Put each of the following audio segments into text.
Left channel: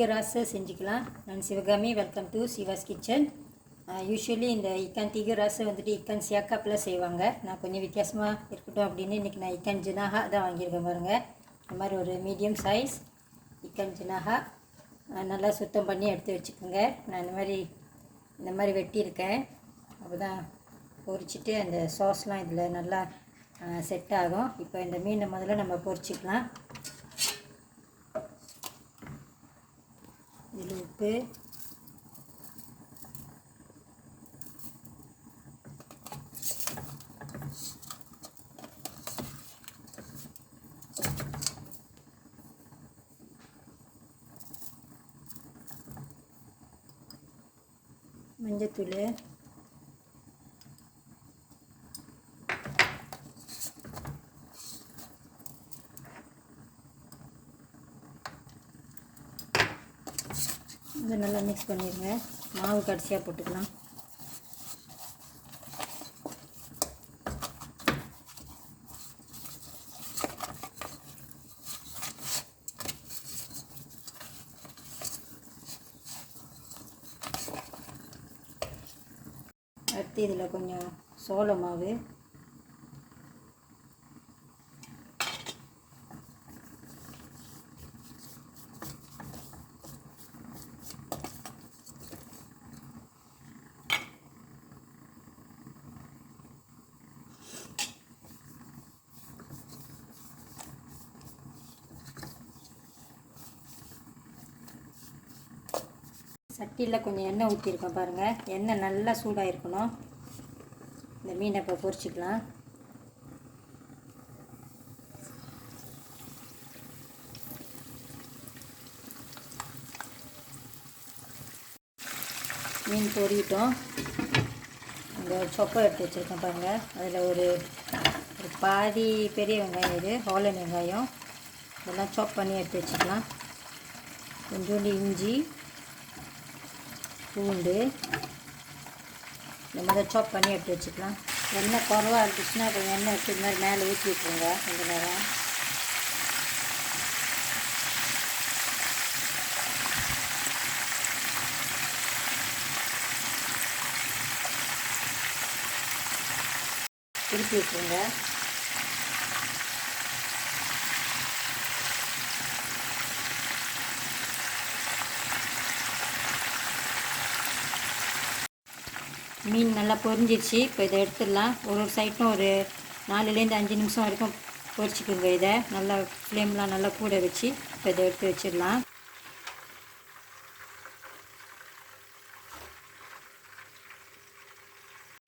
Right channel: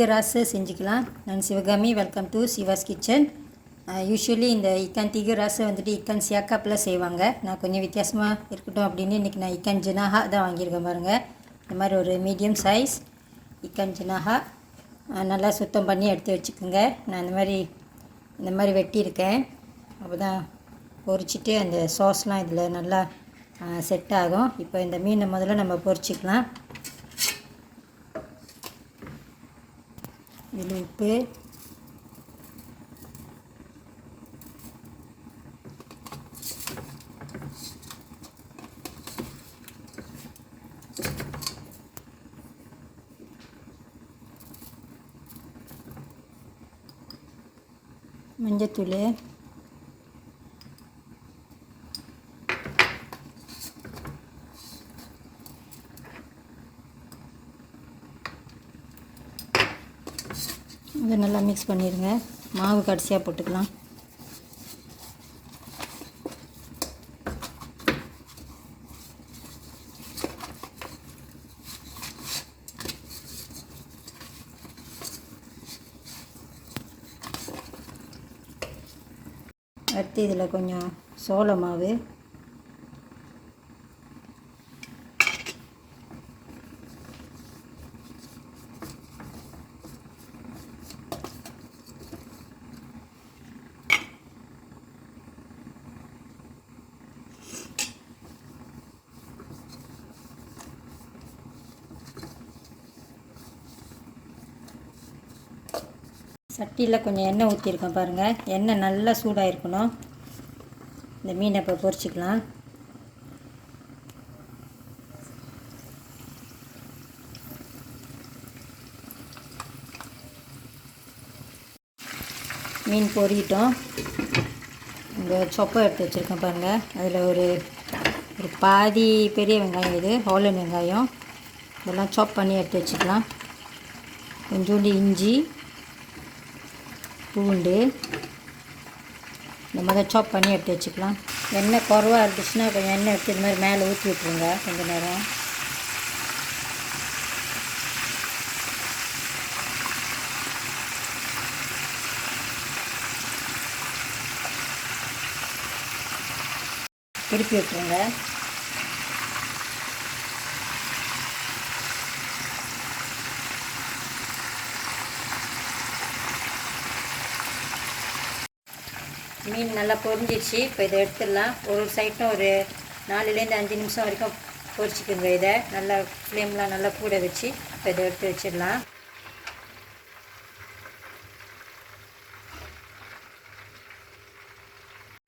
tiga rasa செஞ்சுக்கலாம். நான் Sivakami. Welcome to Siva's kitchen. Usually இந்த இக்கான் tiga rasa வந்துட்டு இக்கான் சியாக்காப்பில் செய்வாங்க. நான் கொஞ்சம் வித்தியாசமாக இருக்கட்டும் அப்படின்னு இன்றைக்கி நான் இக்கான் ஜினாஹா தான் வாங்கியிருக்கேன் பாருங்கள். இந்த மாதிரி ஒரு மீடியம் சைஸ் இக்கான் ஜினாஹா நல்லா சுத்தம் பண்ணி எடுத்து வச்சுக்கோங்க. நான் இந்த மாதிரி வெட்டியிருக்கேன். அப்போ தான் பொரிச்சிட்டு அந்த சாஸ்லாம் இதில் நல்லா செட் ஆகும். இப்போ இந்த மீனை முதல்ல நம்ம பொரிச்சிக்கலாம். இதில் உப்பு, மஞ்சத்தூள், இதை நல்லா மிக்ஸ் பண்ணிடுங்க. மாவு கடைசியாக போட்டுக்கலாம். அடுத்து இதில் கொஞ்சம் சோள மாவு, சட்டியில் கொஞ்சம் எண்ணெய் ஊற்றிருக்கேன் பாருங்கள். எண்ணெய் நல்லா சூடாக இருக்கணும். இந்த மீனை இப்போ பொரிச்சிக்கலாம். மீன் பொரிட்டோம். இந்த சொப்பை எடுத்து வச்சுருக்கேன் பாருங்கள். அதில் ஒரு பாதி பெரிய வெங்காயம், இது ஹாலன் வெங்காயம், இதெல்லாம் சாப் பண்ணி எடுத்து வச்சுக்கலாம். கொஞ்சோண்டு இஞ்சி, பூண்டு இந்த மாதிரி சாப் பண்ணி எடுத்து வச்சுக்கலாம். எண்ணெய் குறவாக இருந்துச்சுன்னா கொஞ்சம் எண்ணெய் எடுத்து இந்த மாதிரி மேலே ஊற்றி விட்ருங்க. கொஞ்சம் நேரம் திருப்பி விட்டுருங்க. மீன் நல்லா பொரிஞ்சிடுச்சு. இப்போ இதை எடுத்துடலாம். ஒரு சைட்டும் ஒரு 4-5 நிமிஷம் வரைக்கும் பொரிச்சிக்கோங்க. இதை நல்லா ஃப்ளேம்லாம் நல்லா கூட வச்சு இப்போ இதை எடுத்து வச்சிடலாம்.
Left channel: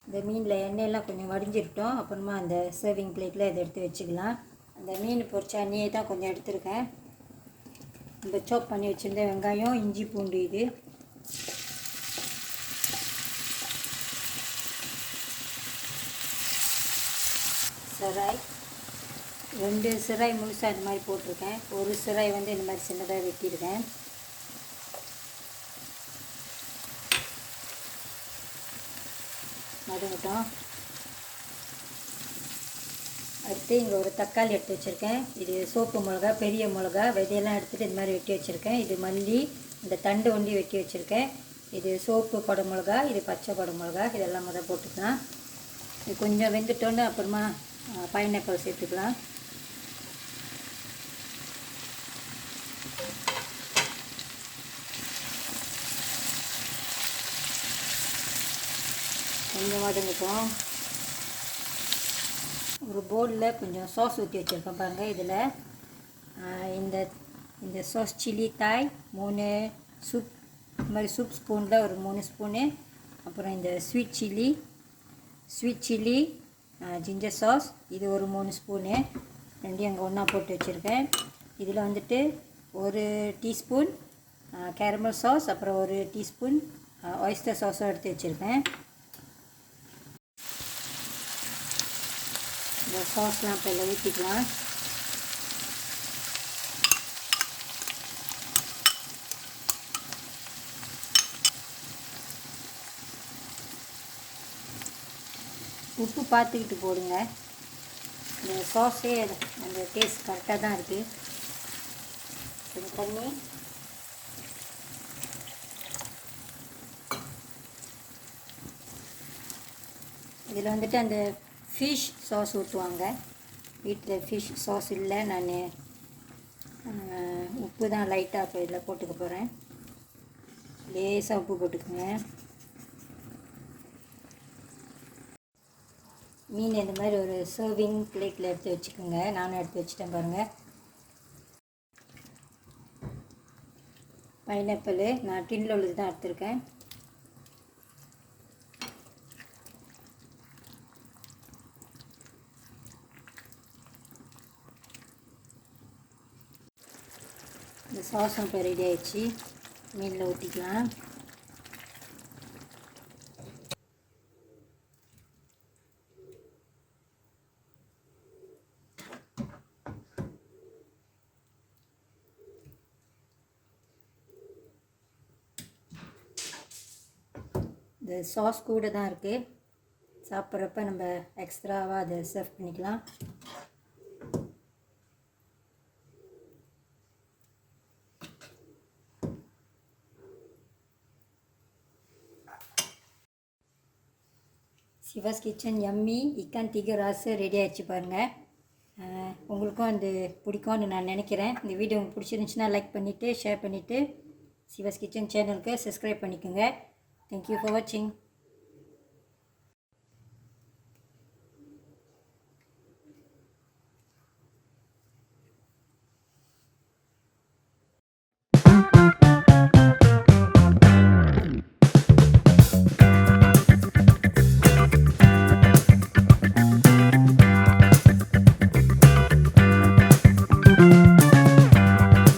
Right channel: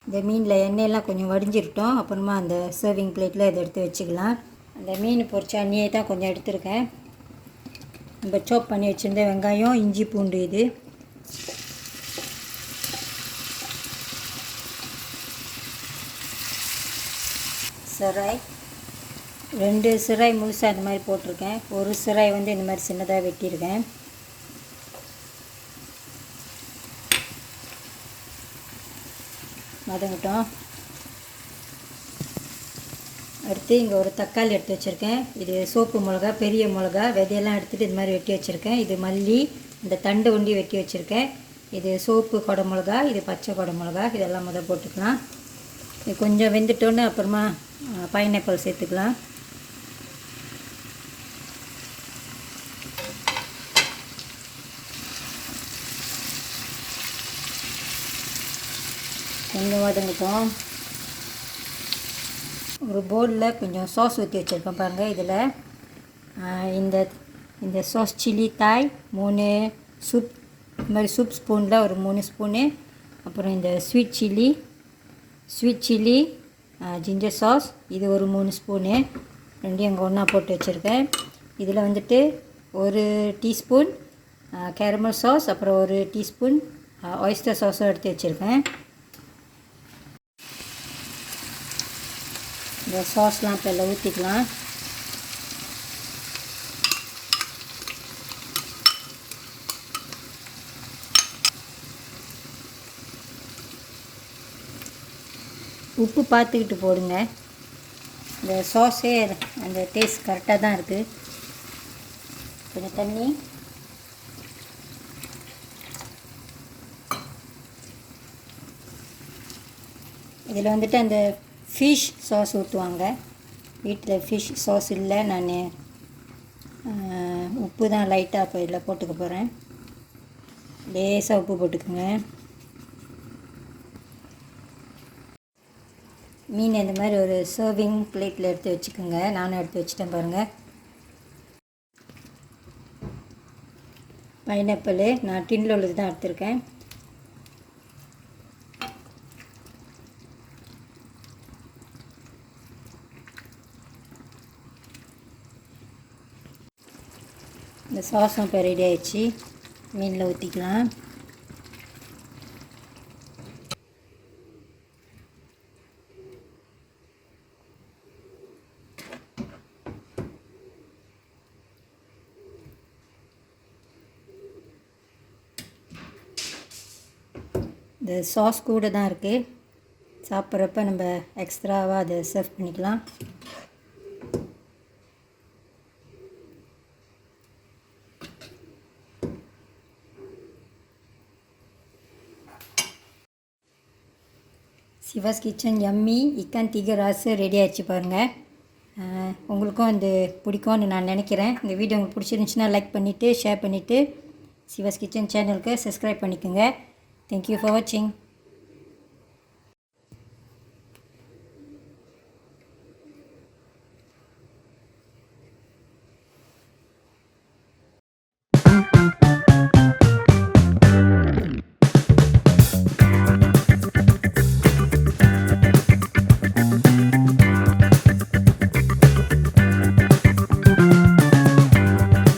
இந்த மீனில் எண்ணெயெல்லாம் கொஞ்சம் வடிஞ்சிருட்டோம். அப்புறமா அந்த சர்விங் பிளேட்டில் இதை எடுத்து வச்சுக்கலாம். அந்த மீன் பொரிச்ச எண்ணெயை தான் கொஞ்சம் எடுத்துருக்கேன். நம்ம சாப் பண்ணி வச்சுருந்த வெங்காயம், இஞ்சி, பூண்டு, இது சிராய் 2 சிராய் முழுசாக இந்த மாதிரி போட்டிருக்கேன். ஒரு சிராய் வந்து இந்த மாதிரி சின்னதாக வெட்டியிருக்கேன். மதங்கட்டும். அடுத்து இங்கே ஒரு தக்காளி எடுத்து வச்சுருக்கேன். இது சோப்பு மிளகா, பெரிய மிளகா, விதையெல்லாம் எடுத்துகிட்டு இது மாதிரி வெட்டி வச்சுருக்கேன். இது மல்லி, இந்த தண்டு ஒண்டி வெட்டி வச்சுருக்கேன். இது சோப்பு கொடை மிளகா, இது பச்சை கொடை மிளகா, இதெல்லாம் முதல் போட்டுக்கலாம். இது கொஞ்சம் வெந்துட்டோன்னு அப்புறமா பைனாப்பிள் சேர்த்துக்கலாம். கொஞ்சம் வதங்கிட்டோம். ஒரு பவுலில் கொஞ்சம் சாஸ் ஊற்றி வச்சுருக்கேன் பாருங்கள். இதில் இந்த சாஸ் சில்லி தாய் 3 சூப், இந்த மாதிரி சூப் ஸ்பூனில் ஒரு 3 ஸ்பூனு, அப்புறம் இந்த ஸ்வீட் சில்லி ஜிஞ்சர் சாஸ் இது ஒரு 3 ஸ்பூனு, ரெண்டையும் அங்கே ஒன்றா போட்டு வச்சுருக்கேன். இதில் வந்துட்டு 1 டீஸ்பூன் கேரமல் சாஸ், அப்புறம் 1 டீஸ்பூன் ஆயிஸ்டர் சாஸும் எடுத்து வச்சுருக்கேன். இந்த சாஸ்லாம் இப்போ எல்லாம் ஊற்றிக்கலாம். உப்பு பார்த்துக்கிட்டு போடுங்க. இந்த சாஸே அந்த டேஸ்ட் கரெக்டாக தான் இருக்குது. கொஞ்சம் தண்ணி, இதில் வந்துட்டு அந்த ஃபிஷ் சாஸ் ஊற்றுவாங்க. வீட்டில் ஃபிஷ் சாஸ் இல்லை, நான் உப்பு தான் லைட்டாக இப்போ இதில் போட்டுக்க போகிறேன். லேசாக உப்பு போட்டுக்குங்க. மீன் இந்த மாதிரி ஒரு சர்விங் பிளேட்டில் எடுத்து வச்சுக்கோங்க. நானும் எடுத்து வச்சுட்டேன் பாருங்கள். பைனாப்பிள் நான் டின்னில் உள்ளது தான் எடுத்திருக்கேன். இந்த சாஸும் இப்போ ரெடி ஆயிடுச்சு. மீனில் ஊற்றிக்கலாம். இந்த சாஸ் கூட தான் இருக்குது. சாப்பிட்றப்ப நம்ம எக்ஸ்ட்ராவாக அதை சர்வ் பண்ணிக்கலாம். சிவாஸ் கிச்சன் யம்மி இக்கான் திகர் ராசு ரெடி ஆகிடுச்சு பாருங்கள். உங்களுக்கும் இது பிடிக்கும்னு நான் நினைக்கிறேன். இந்த வீடியோ உங்களுக்கு பிடிச்சிருந்துச்சுன்னா லைக் பண்ணிவிட்டு ஷேர் பண்ணிவிட்டு சிவாஸ் கிச்சன் சேனலுக்கு சப்ஸ்கிரைப் பண்ணிக்கோங்க. தேங்க்யூ ஃபார் வாட்சிங்.